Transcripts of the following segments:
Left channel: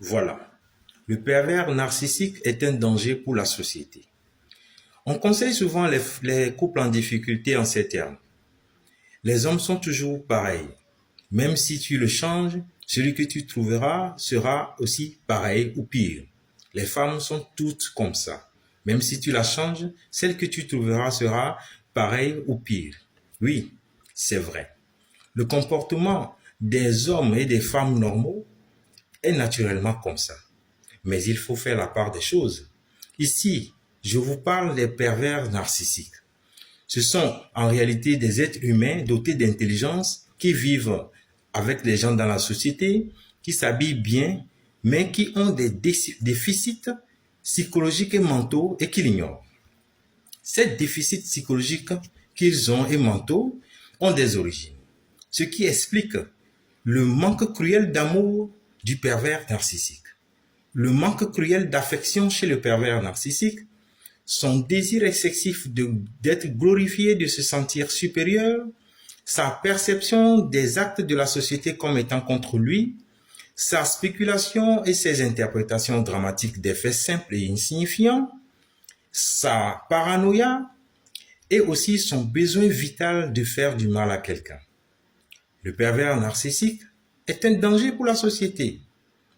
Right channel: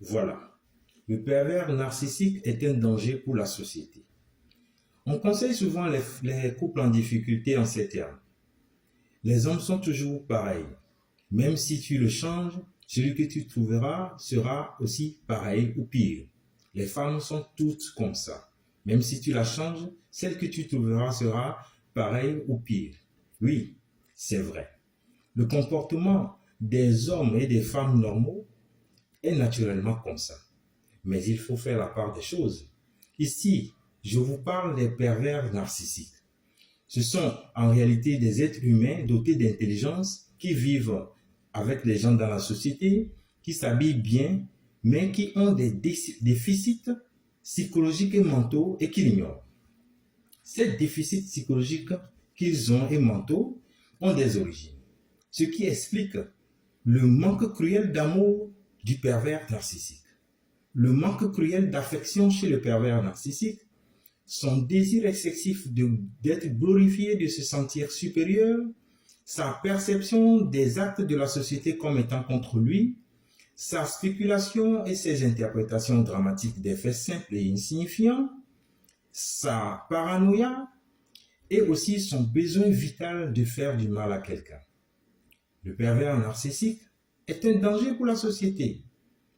Voilà. Le pervers narcissique est un danger pour la société. On conseille souvent les couples en difficulté en ces termes. Les hommes sont toujours pareils. Même si tu le changes, celui que tu trouveras sera aussi pareil ou pire. Les femmes sont toutes comme ça. Même si tu la changes, celle que tu trouveras sera pareille ou pire. Oui, c'est vrai. Le comportement des hommes et des femmes normaux est naturellement comme ça. Mais il faut faire la part des choses. Ici, je vous parle des pervers narcissiques. Ce sont en réalité des êtres humains dotés d'intelligence qui vivent avec les gens dans la société, qui s'habillent bien, mais qui ont des déficits psychologiques et mentaux et qui l'ignorent. Ces déficits psychologiques qu'ils ont et mentaux ont des origines, ce qui explique le manque cruel d'amour du pervers narcissique, le manque cruel d'affection chez le pervers narcissique, son désir excessif d'être glorifié, de se sentir supérieur, sa perception des actes de la société comme étant contre lui, sa spéculation et ses interprétations dramatiques des faits simples et insignifiants, sa paranoïa et aussi son besoin vital de faire du mal à quelqu'un. Le pervers narcissique est un danger pour la société.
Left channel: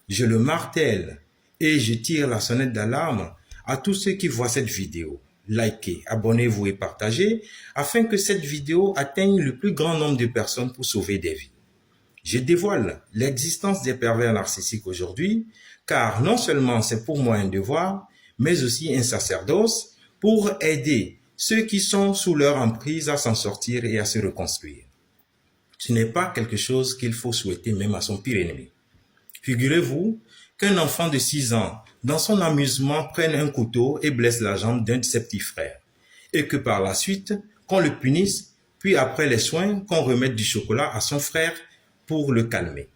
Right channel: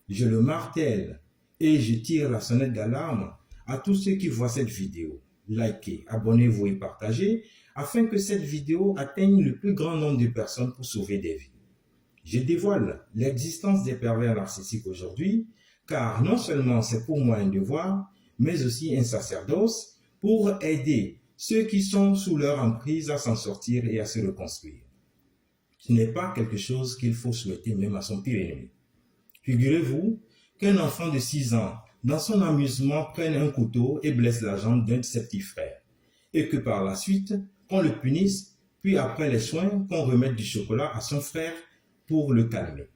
Je le martèle et je tire la sonnette d'alarme à tous ceux qui voient cette vidéo. Likez, abonnez-vous et partagez afin que cette vidéo atteigne le plus grand nombre de personnes pour sauver des vies. Je dévoile l'existence des pervers narcissiques aujourd'hui, car non seulement c'est pour moi un devoir, mais aussi un sacerdoce pour aider ceux qui sont sous leur emprise à s'en sortir et à se reconstruire. Ce n'est pas quelque chose qu'il faut souhaiter même à son pire ennemi. Figurez-vous qu'un enfant de 6 ans, dans son amusement, prenne un couteau et blesse la jambe d'un de ses petits frères, et que par la suite, qu'on le punisse, puis après les soins, qu'on remette du chocolat à son frère pour le calmer.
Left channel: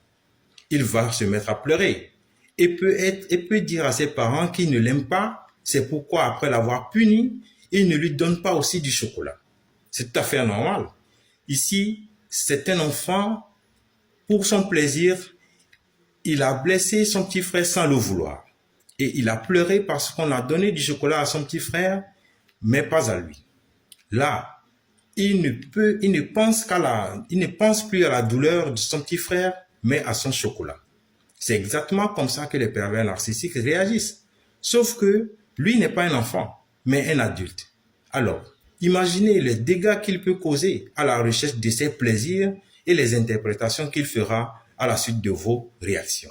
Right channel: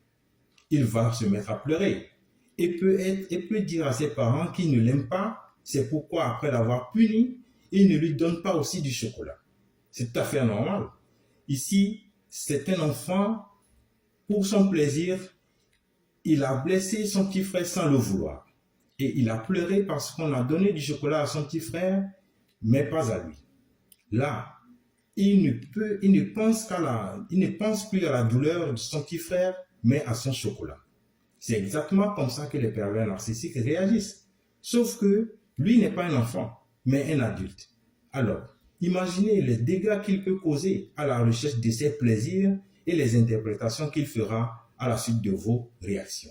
Il va se mettre à pleurer et peut dire à ses parents qu'il ne l'aime pas, c'est pourquoi après l'avoir puni, il ne lui donne pas aussi du chocolat. C'est tout à fait normal. Ici, c'est un enfant, pour son plaisir, il a blessé son petit frère sans le vouloir. Et il a pleuré parce qu'on a donné du chocolat à son petit frère, mais pas à lui. Là, il ne pense plus à la douleur de son petit frère, mais à son chocolat. C'est exactement comme ça que les pervers narcissiques réagissent. Sauf que lui n'est pas un enfant, mais un adulte. Alors, imaginez les dégâts qu'il peut causer à la recherche de ses plaisirs et les interprétations qu'il fera à la suite de vos réactions.